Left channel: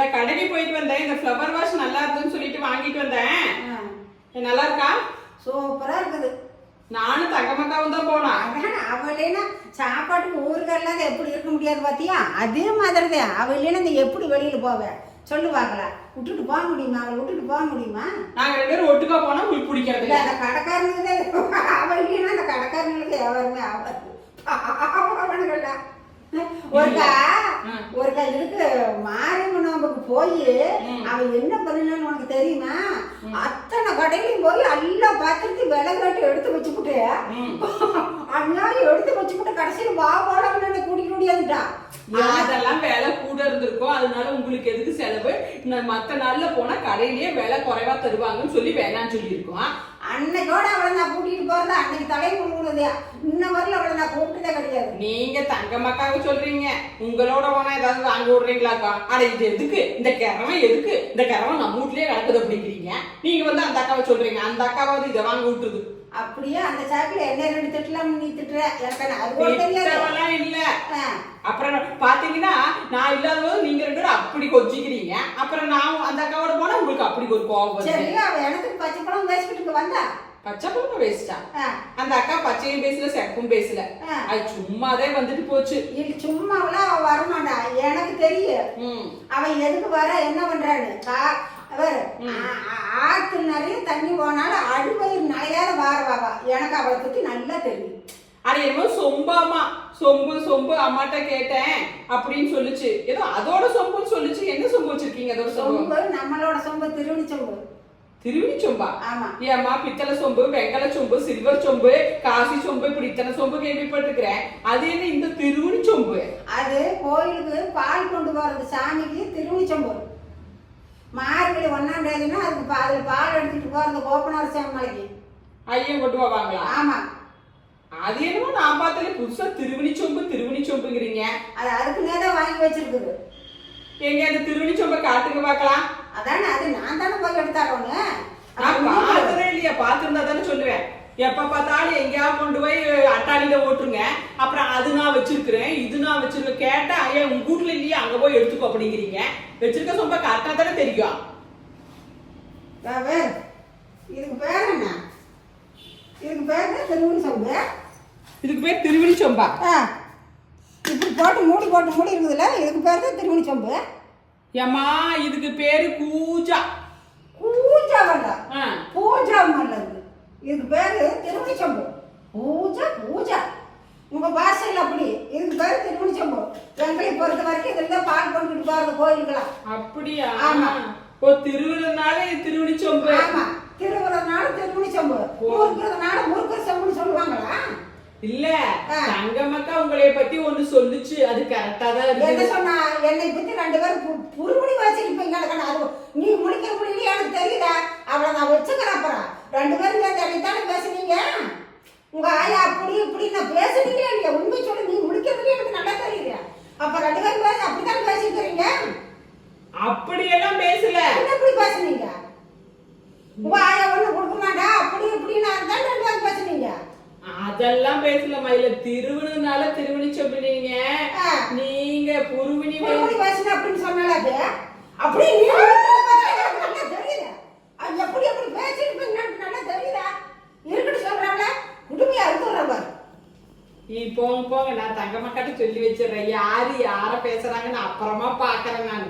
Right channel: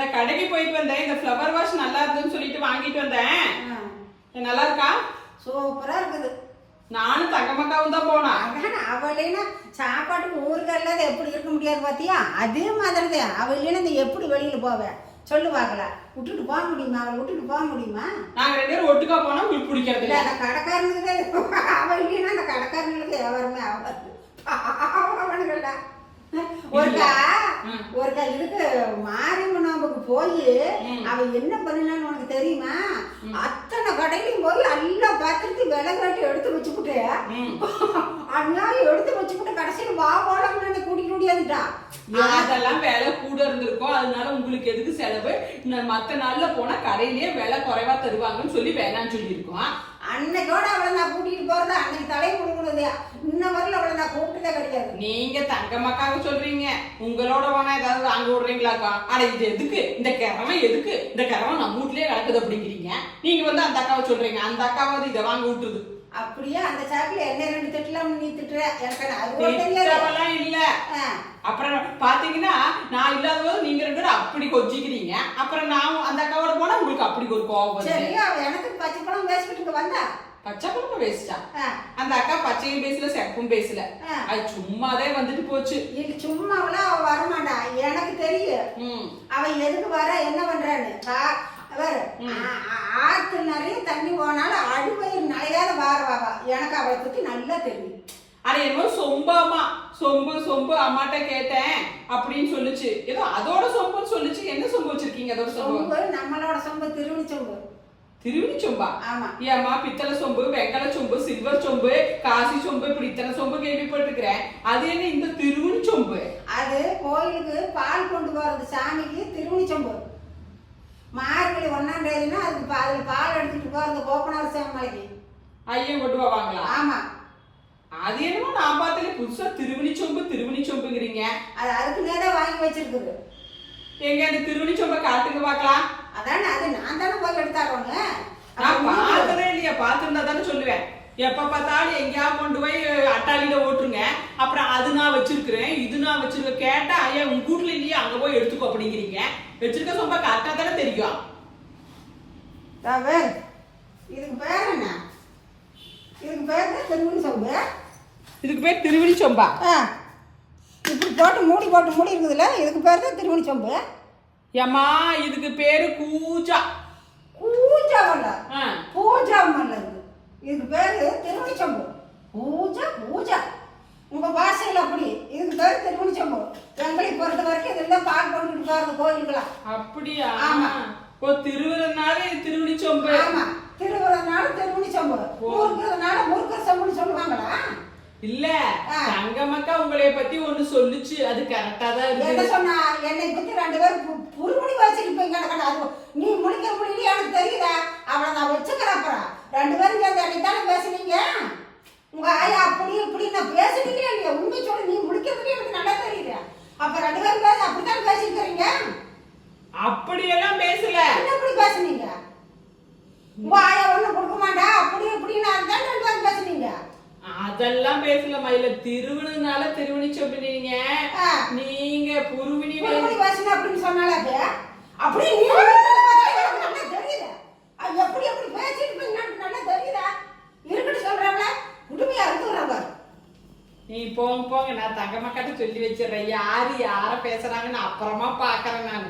இந்த கடைக்கு போயிட்டு வந்தேன். இந்த ஃப்ளவர் வாஷ் நல்லா இருக்குன்னு சொல்லிட்டு வாங்கிட்டு வந்தேன். நல்லா இருக்கா? சூப்பரா இருக்குது. நானும் தங்கமக்காவும் தான் போனா அதான் அவ இல்லைன்னா சாப்பாட்டுக்கு ஊருக்கு இல்லாத எப்படி இருக்க முடியாது பாத்தியா? அதே மாதிரி தான் அவ இல்லைன்னா நீ எப்படி வெளியில போவ? சொல்லு பார்க்கலாம் விட்டுட்டு போக முடியுமா? அவளை விட்டுட்டு போக முடியுமா? நாங்க ரெண்டு பேரும் ஒட்டுக்கா போனா உங்களுக்கு பிடிக்கிறது இல்ல அந்த கடைக்காரனுக்கு அவ இல்லைன்னா அந்த கடைக்காரனுக்கு எவருமே அவ அவனுங்கள ஒருக்கா. ஒருக்கா இதுக்கு நோம்புக்கு போய் அவன் என்ன பண்ணினான்னு உனக்கு தெரியுமா? அத்தனை கடையிலையும் போய் எல்லா பாத்திரத்தையும் விலகு எடுத்து வச்சுக்கிட்டு. அந்நாள் எடுத்து வச்சுக்கிட்டு கடைசியில் வா வாடகை முடியாதுட்டான் அதெல்லாம் விலை கூட இருந்திருக்கும். அதனால உங்களுக்கு எதுக்கு செலவு? இந்த மத்த நாள்ல போனா கடையிலேயே விலை குறைவா தருவாங்கன்னு சொல்லி வேணாம்னு சொல்லியிருக்கோம். அன்னைக்கோட அவளை நான் கூட்டிட்டு போறதா? அன்னைக்கு தலை கொடுக்குறது இன்ன வரல அவளை நான் கூப்பிட்டதே கிடையாது. நீங்க தங்கமக்காவை சொல்றீங்க. உங்களோட போனா ஏதாவது வாங்க விடுறீங்களாக்கா? அட இது எதுக்கு? இந்த கிழமை எதுக்கு? இந்த கிழமை நம்ம வீட்லயே கிடக்குது அப்படிங்கிறீங்க. நீங்க வந்து அந்த அக்காவை சொல்றீங்க. அந்த அக்காவாவது இதை வாங்க விட்டுருது. அப்படியே? அந்த சாக்குல என்ன ரெண்டு திட்டலாம் நீ திட்டுற? எனக்கு அது கூட இல்ல. அப்புறம் பாத்தீங்கன்னா நான் இல்லாதபோது நீங்க ரெண்டு பேரும் அப்படி கொஞ்சிக்கிறீங்க. அப்புறம் நான் அந்த அக்காவோட போனா உங்களுக்கு அப்படி ஒரு கோவம் சரி எனக்கு பச்சை பழம் பேசிக்கிட்டு வந்தா? பச்சை வேஸ்டா ஆ, அந்த அக்கா பச்சையும் பேசல செப்பும் பேசல. அது சும்மாதே வந்துட்டு போச்சு. சும்மாவெல்லாம் அவ வரமாட்டா. எனக்கு தெரியும். அவன் எதுக்கு வர என்ன பண்றான்னு? ஆத்து நிறைய தண்ணி போனாலும் அடிவயிறு வாரவாவா எனக்கு அவளை பத்தி நல்லா தெரியும். அது என்னமோ சொம்பாமா சொம்பு சொம்பு அம்மாட்ட கேட்டேன் அப்படின்னு சொல்லுச்சு. ஏதோ அதோட சொம்புன்னு சொல்லுச்சு. என்ன சொம்பு வச்சிருக்கீங்க அதோட சொம்பு? சொம்பு நம்மளோட சொம்பு திருவணி சொம்பு. திருவிழி சொம்பா? ஆமா. ஏம்மா பித்தளை சொம்பு வெங்கல சொம்பு சில்வர் சொம்பு காசி சொம்பு இப்படி இத்தனை சொம்பு கேள்விப்பட்டிருக்கிறேன். அது என்ன இந்த திருவிழி சொம்பு? அது கோயிலுக்கு பால் கொண்டு போறது சாமிக்கு திருவணி சொம்பு. மார்கழி ஒன்னாம் தேதினா அதுக்கு அதுல பால் எடுத்துட்டு போறது கோபனார் சாமிக்கு. ஐயன் கொண்டு போவாங்களா? ஆமா. அது என்னமோ நான் பார்த்ததுல புதுசா திருவிழி சொம்பு திருவிழி சொம்புங்கிறீங்க. அது அதுக்குன்னே தான் வாங்கி வச்சிருக்குது. எங்க அந்த திருவிழி சொம்பை காட்டுங்க பார்க்கலாம். அதானே அது நான் தானே போய் எடுத்தாரோங்க நான் பார்த்ததே இல்லையா பார்த்திருந்தா தானே சொல்லுவேன். எப்ப பார்த்தாலும் எங்கேயாவது கொண்டு போய் அட்டாளியில ஓட்டுருங்க. அப்புறம் அது நான் வச்சிருக்கிறேன் இது நான் வச்சிருக்கேன். கேட்டா ஐயா உங்க வீட்டுல இல்லையா அங்க போய் எடுத்துக்கோ அப்படிங்கிறீங்க. வச்சிருக்க சொம்ப கரெக்டா தானே தெரியும். இதுக்கு பேர் என்ன? இதுக்கு பேர் தான் திருவணி சொம்பு. இதுக்கு பேர் திருவிழி சொம்பா. ஆ. இப்படி போட்டு மூடி போட்டு மூடி இருக்குதுல்ல இதுக்கு பேர் தான் திருவணி சொம்பு. ஏம்மா இதுக்கு பேரு கூஜா. பூஜா வல்ல ஆ, பூஜா நல்லது இதுக்கு பேரு திருவணி சொம்பு. பூஜா பூஜா. உங்க பாஷையில் அப்படி. இதுக்கு பேர் திருவணி சொம்பு. எங்களை பொறுத்த வரைக்கும் இதுல தான் பால் கொண்டுட்டு பாருங்க கோயிலுக்கெல்லாம். அப்படியா? ஆமா. ஓ திருவிழனால திருவிழி சொம்பு. ஆமா. திருவுறதுனால திருவணி சொம்பு முறுக்கிறதுனால முறுக்கிற சொம்புன்னு சொல்லுவாங்களா? இல்ல. தங்கமக்கா உங்களைய பத்தி ஒண்ணு சொல்லுச்சு. அது கரெக்டா தான் என்ன சொன்னா என்னை பத்தி ரெண்டு பேரும் பு- புறுமுடி வச்சுட்டு போய் கிடக்கணும் அது நீ முடிக்க முடியல எனக்கு தெரியுதா? அவளை நான் வச்சுக்கிறேன் அப்புறம். ரெண்டு பேரும் சேர்ந்து என்னைத்தானே பேசுனீங்க? உங்க ஆயா அப்படி இப்படி நான் பேசுனீங்க இல்லையா? உண்மை சொல்லி நீ முடிக்கிறதுல எனக்கு நல்லா தெரியுது. அப்ப ரெண்டு பேரும் பேச அப்படித்தானே பேசிக்கிறீங்க? அப்படியெல்லாம் பேசல. என்ன இப்படி பேசுனீங்க? ஆயா ஒண்ணு கொடுக்க மாட்டா அப்படி இப்படின்னு அதுதான் பேசுனீங்க? அதெல்லாம் பேசல மயில. திருவிழுனால திருவிழி சொல்லுவீங்க. நீங்க புருவினி பேசுன அப்படின்னு சொன்னால அது? அப்படி தெரியுது அது எப்படி எப்படி பேசிட்டு நல்லா தெரியுதா இருக்கட்டும் சொல்றாங்களா. குடுமையா இருக்கிறவங்க நீ போங்க போங்க. நான் தங்கமக்காட்ட சொல்லி வச்சிடுறேன். யாரு யார பேசுறாங்கன்னு அப்புறமா பாக்குறேன் நான்.